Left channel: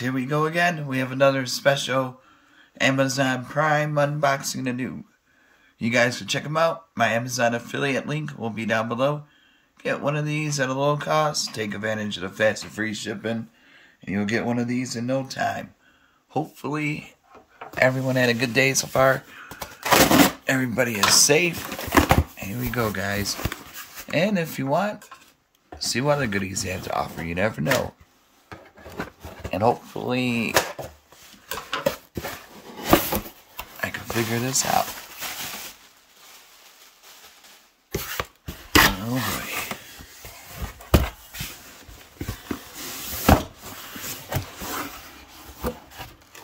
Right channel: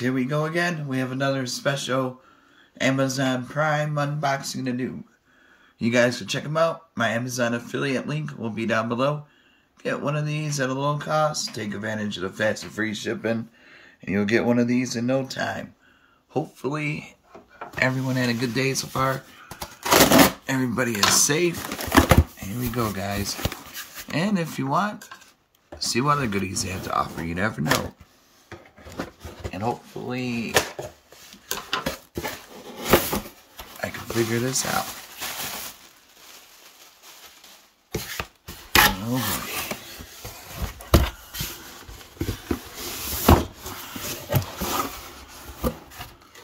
here we go again. We have another special Amazon Prime unboxing to do. You guys can check them out. My Amazon affiliate link will be down below. Get one of these at a low cost. Take advantage of the fast and free shipping. And you'll get one of these in no time. Hopefully, everyone had a good day so far. Everybody is safe. Here we go, guys. And if you want, see what other goodies they have to offer. You never know. And hopefully, I can figure this out. Oh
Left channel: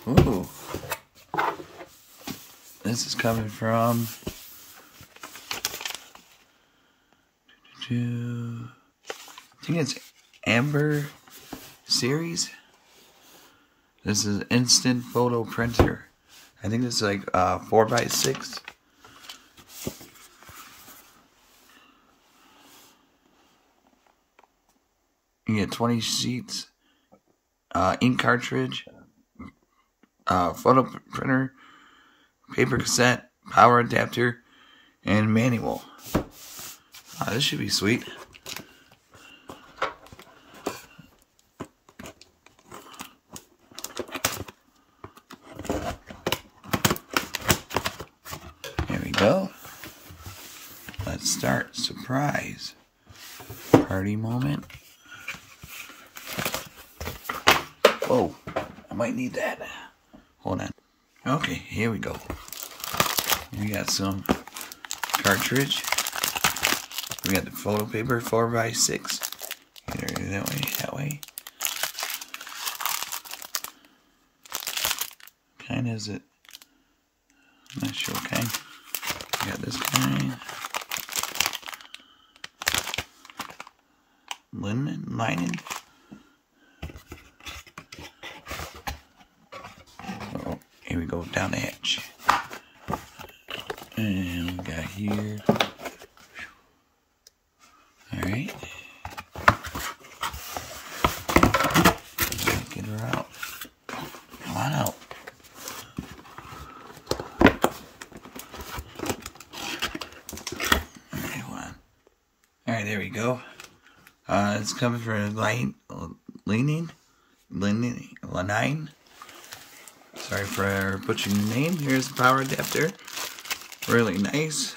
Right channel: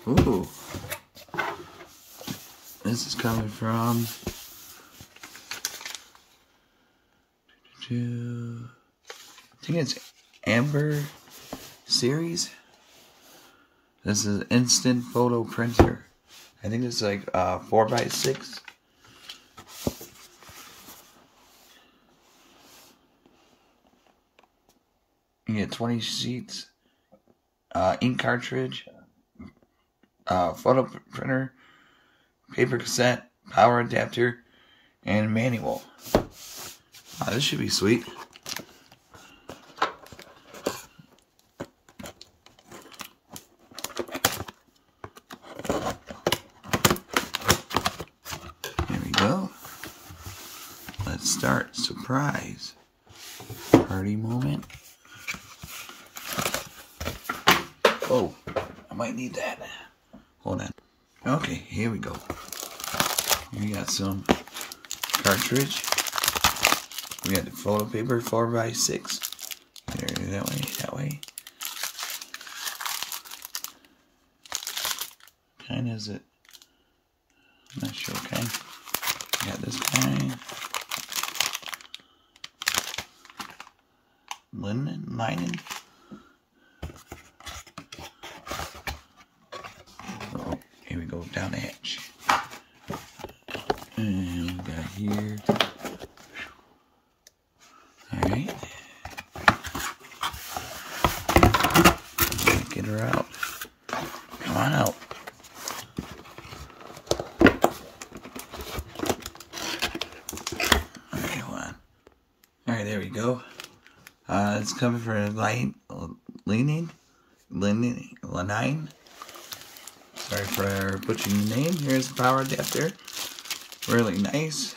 boy. Ooh. This is coming from I think it's Amber series. This is an instant photo printer. I think it's like 4x6. You get 20 sheets, ink cartridge, photo printer, paper cassette, power adapter, and manual. This should be sweet. Here we go. Let's start. Surprise. Party moment. Whoa, I might need that. Hold on. Okay, here we go. We got some cartridge. We got the photo paper, 4x6. Either that way, that way. What kind is it? I'm not sure what kind. We got this kind. Lining. Oh, here we go, down the hatch. And we got here. Alright. Get her out. Come on out. Alright, hold on. Alright, there we go. It's coming from Liene. Sorry for butchering the name. Here's the power adapter. Really nice.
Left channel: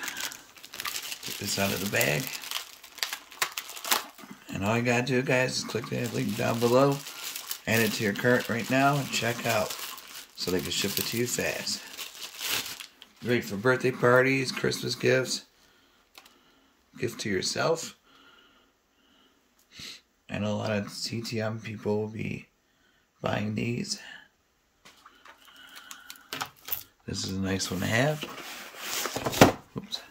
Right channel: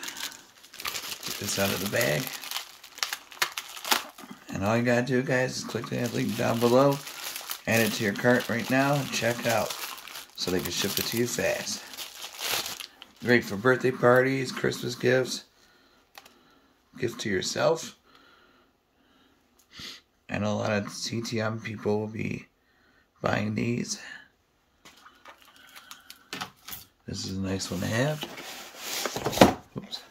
Get this out of the bag. And all you gotta do, guys, is click that link down below, add it to your cart right now, and check out so they can ship it to you fast. Great for birthday parties, Christmas gifts, gift to yourself. I know a lot of CTM people will be buying these. This is a nice one to have. Oops.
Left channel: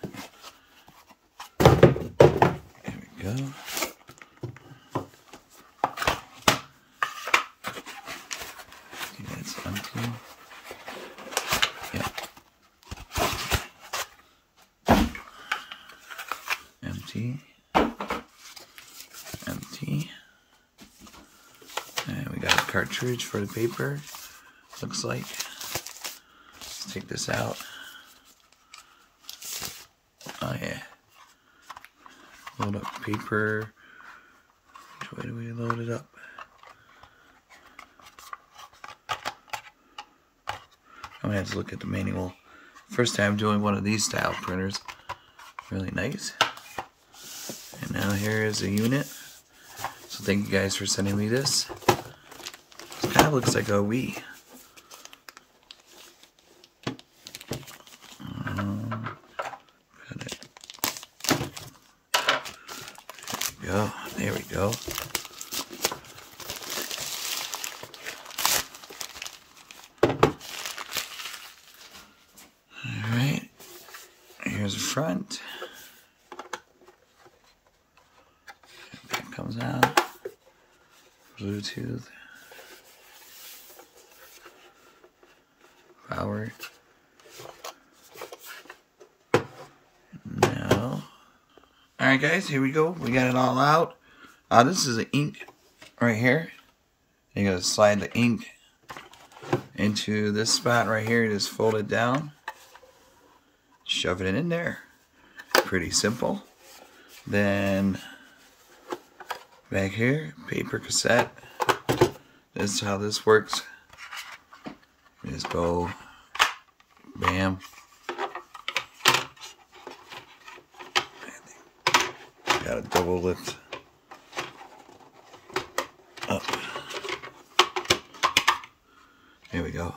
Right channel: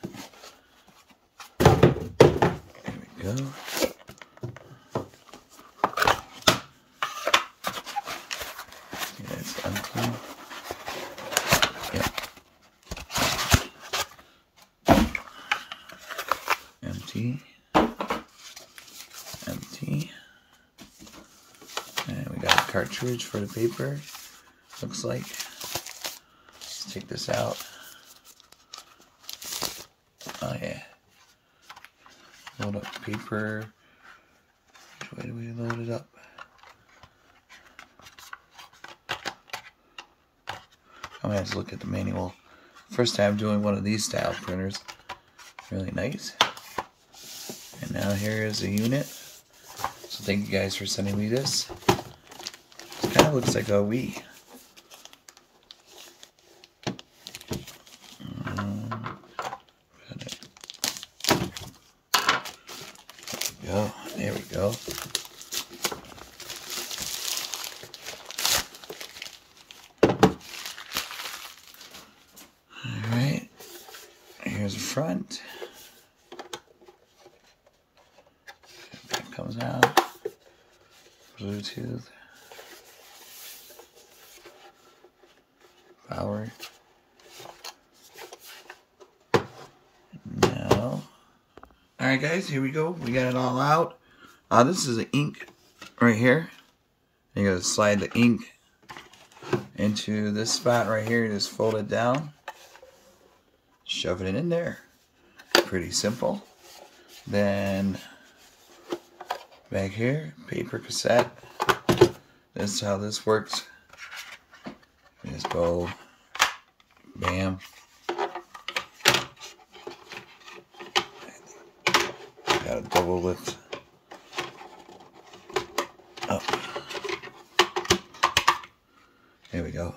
There we go. That's empty. Yep. Empty. Empty. And we got a cartridge for the paper. Looks like. Let's take this out. Oh yeah. Load up paper. Which way do we load it up? I'm gonna have to look at the manual. First time doing one of these style printers. Really nice. And now here is a unit. So thank you guys for sending me this. It kind of looks like a Wii. There we go. Alright. Here's the front. That comes out. Bluetooth. Power. Now. Alright guys, here we go. We got it all out. This is the ink right here. You gotta slide the ink into this spot right here. You just fold it down, shove it in there. Pretty simple. Then back here, paper cassette. This is how this works. You just go, bam. Got a double lift up. There we go.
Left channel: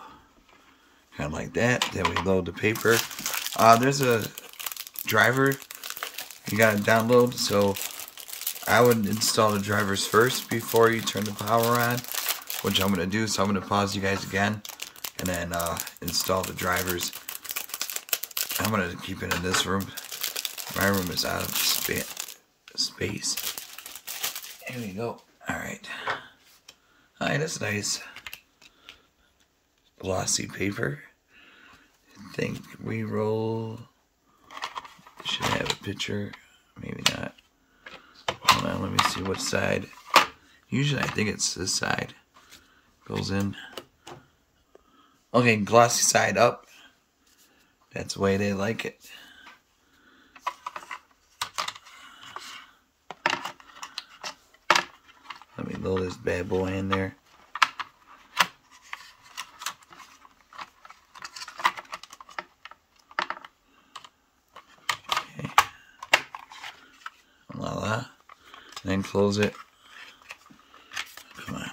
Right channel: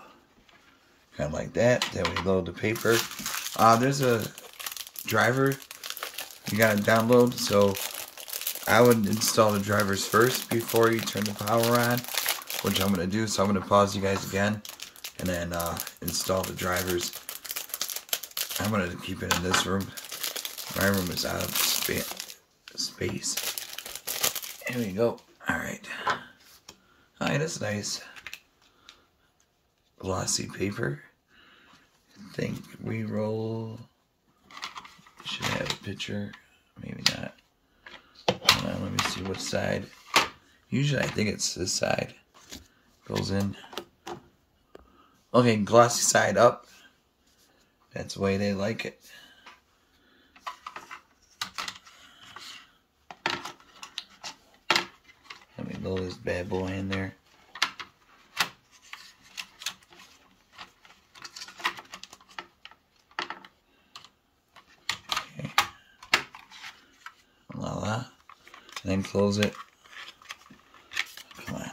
Kind of like that. Then we load the paper. There's a driver you gotta download, so I would install the drivers first before you turn the power on, which I'm gonna do. So I'm gonna pause you guys again and then install the drivers. I'm gonna keep it in this room. My room is out of space. Here we go. Alright. Alright, that's nice. Glossy paper. I think we roll. Should have a picture. Maybe not. Hold on, let me see what side. Usually I think it's this side. Goes in. Okay, glossy side up. That's the way they like it. Let me load this bad boy in there. Okay. Voila. And then close it. Come on.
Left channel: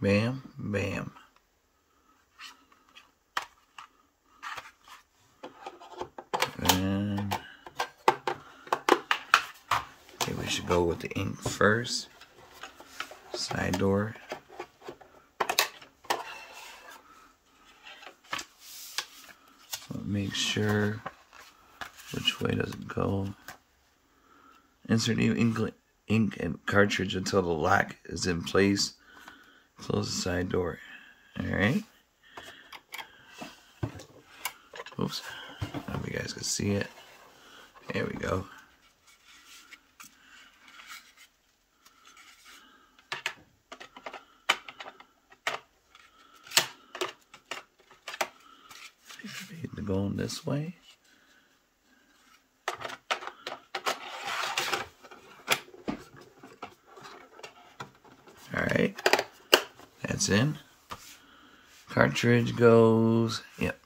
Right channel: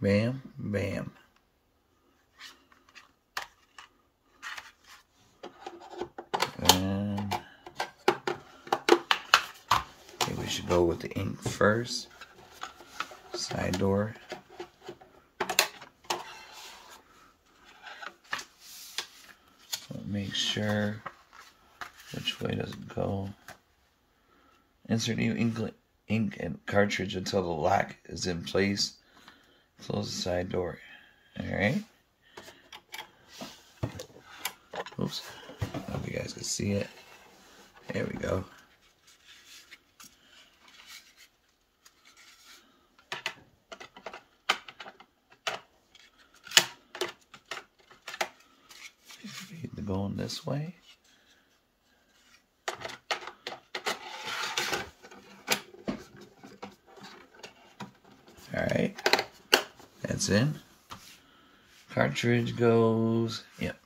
Bam, bam. And okay, we should go with the ink first. Side door. So make sure which way does it go. Insert new ink and cartridge until the lock is in place. Close the side door. Alright. Oops. Hope you guys can see it. There we go. Going this way. Alright. That's in. Cartridge goes. Yep.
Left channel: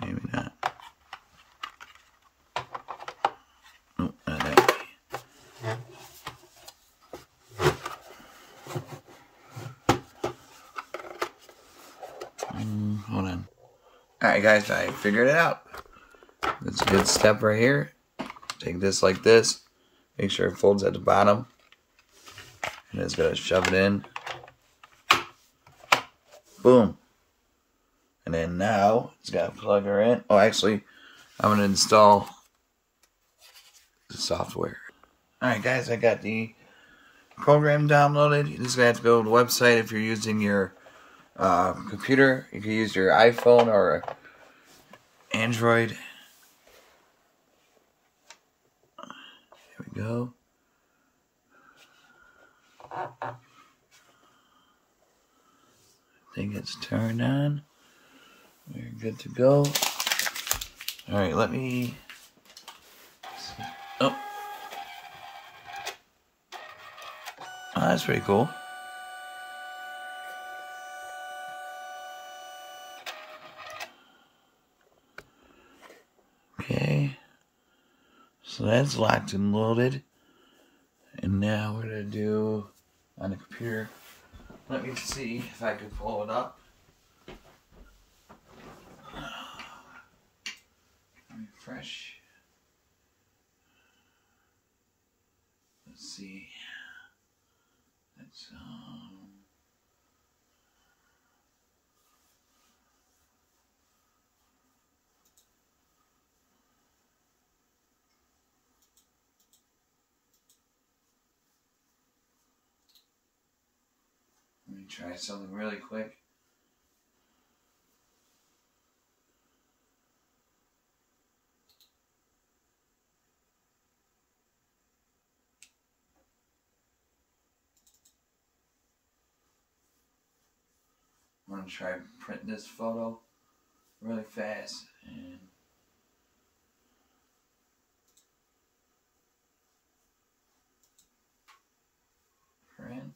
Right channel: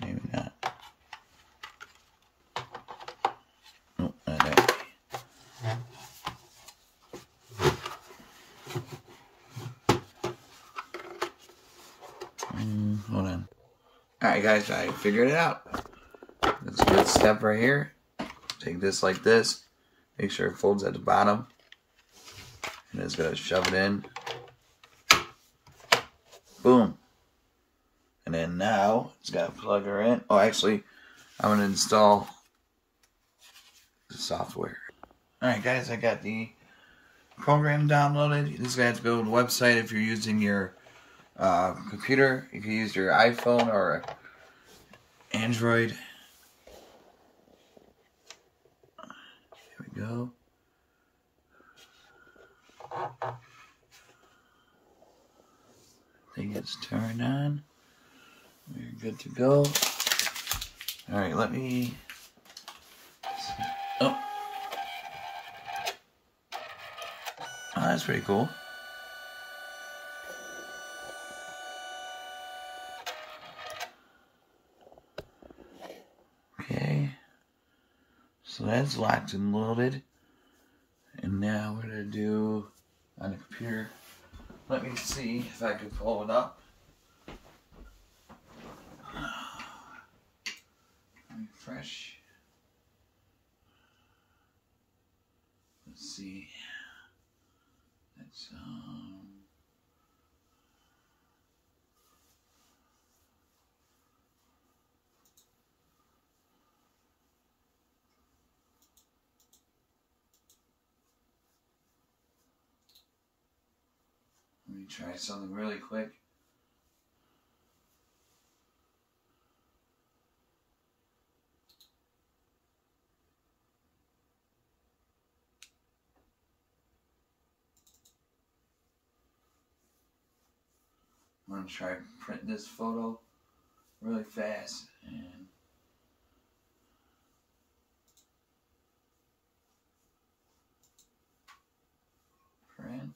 Maybe not. Oh, not that way. Hold on. Alright guys, I figured it out. That's a good step right here. Take this like this. Make sure it folds at the bottom. And it's going to shove it in. Boom. And then now, it's got to plug her in. Oh, actually, I'm going to install the software. Alright guys, I got the program downloaded. You just have to go to the website if you're using your computer. You can use your iPhone or Android. Here we go. I think it's turned on. We're good to go. Alright, let me... Oh, that's pretty cool. Okay, so that's locked and loaded. And now we're going to do on the computer. Let me see if I can pull it up. Refresh. Let's see. That's let me try something really quick. going to try print this photo really fast and print.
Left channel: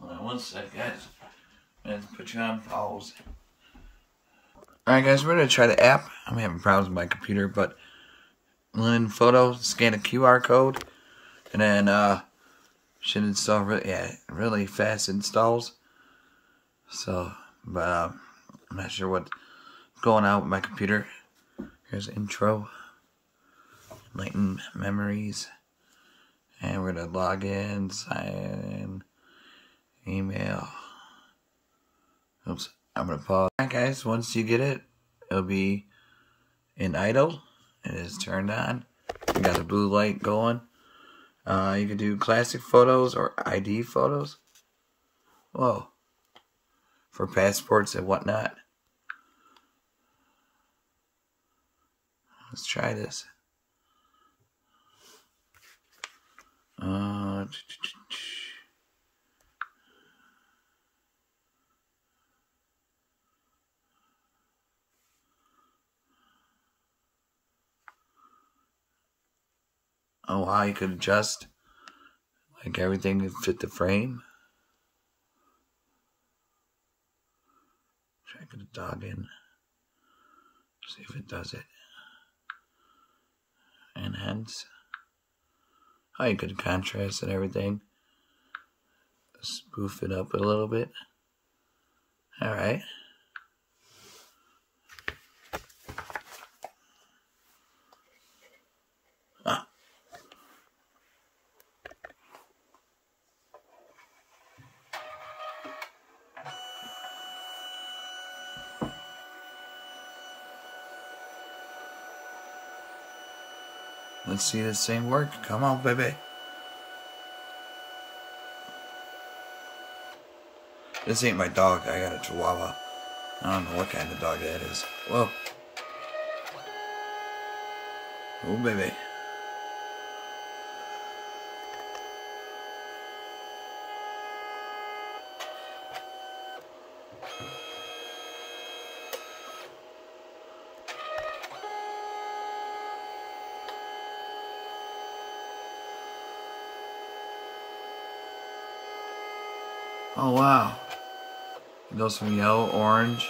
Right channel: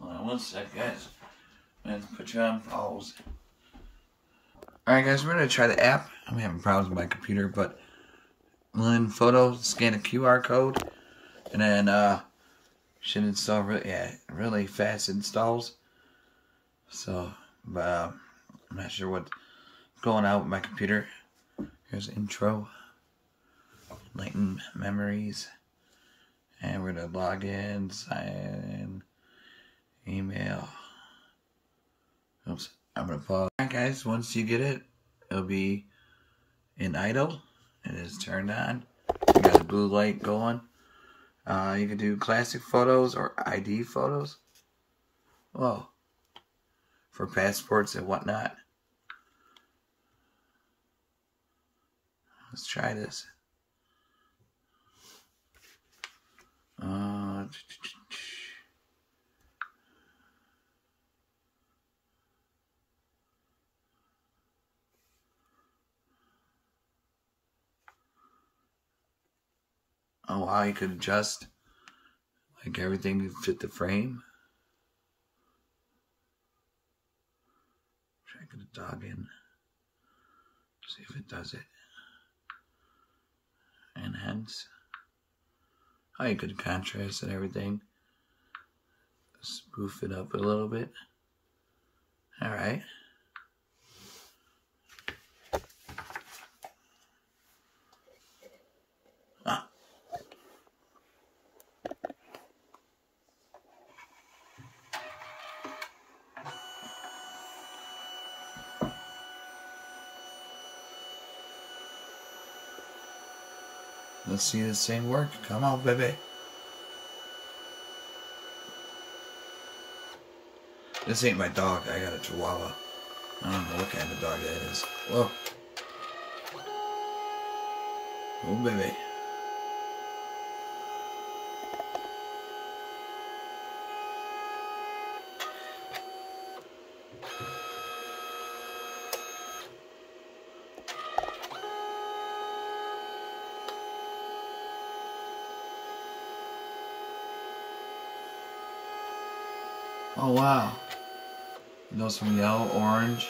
Hold on one sec, guys. I'm going to put you on pause. Alright guys, we're going to try the app. I'm having problems with my computer, but Liene Photo, scan a QR code, and then should install really fast installs. So, but I'm not sure what's going on with my computer. Here's intro, Lighten Memories, and we're going to log in, sign in, email. Oops. I'm going to pause. Alright guys, once you get it, it'll be in idle. It is turned on. You got the blue light going. You can do classic photos or ID photos. Whoa. For passports and whatnot. Let's try this. Oh wow, you could adjust like everything to fit the frame. Try to put a dog in. See if it does it. Enhance. Oh, you could contrast and everything. Spoof it up a little bit. Alright. Let's see this thing work. Come on, baby. This ain't my dog. I got a Chihuahua. I don't know what kind of dog that is. Whoa. Oh, baby. Oh wow. It goes from yellow, orange.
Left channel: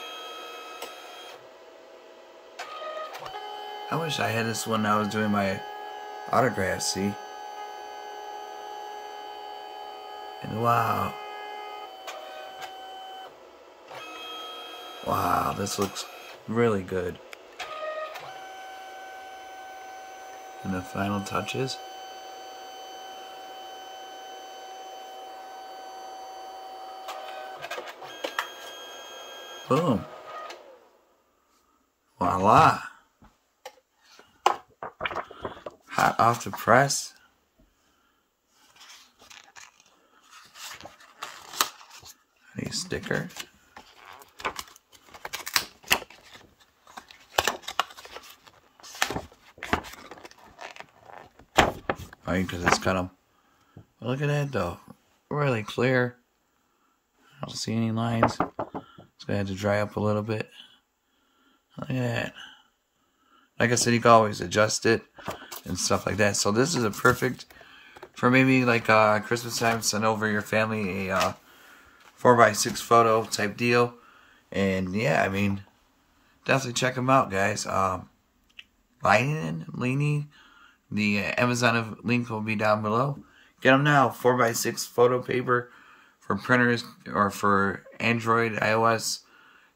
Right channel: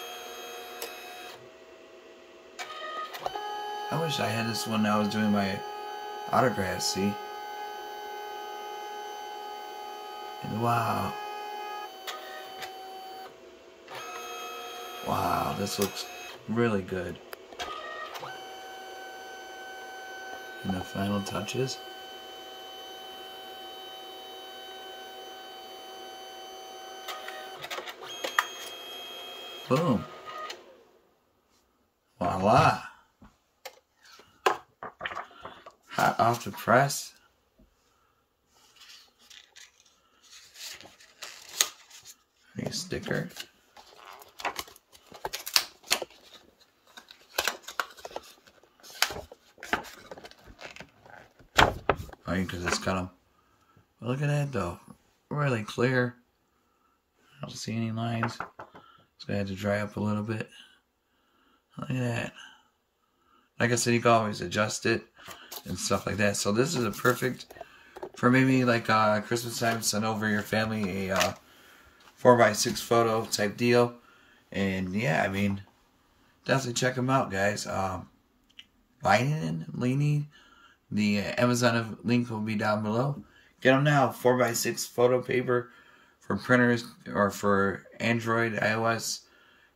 I wish I had this when I was doing my autographs, see? And wow. Wow, this looks really good. And the final touches. Boom. Voila. Hot off the press. I need a sticker. Oh, because it's got them. Look at that though. Really clear. I don't see any lines. It's going to have to dry up a little bit. Look at that. Like I said, you can always adjust it and stuff like that. So this is a perfect for maybe like Christmas time. Send over your family a 4x6 photo type deal. And yeah, I mean, definitely check them out, guys. Liene, the Amazon link will be down below. Get them now. 4x6 photo paper for printers or for Android, iOS,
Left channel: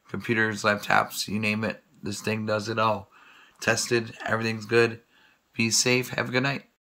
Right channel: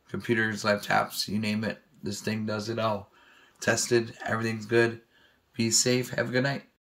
computers, laptops, you name it. This thing does it all. Tested, everything's good. Be safe. Have a good night.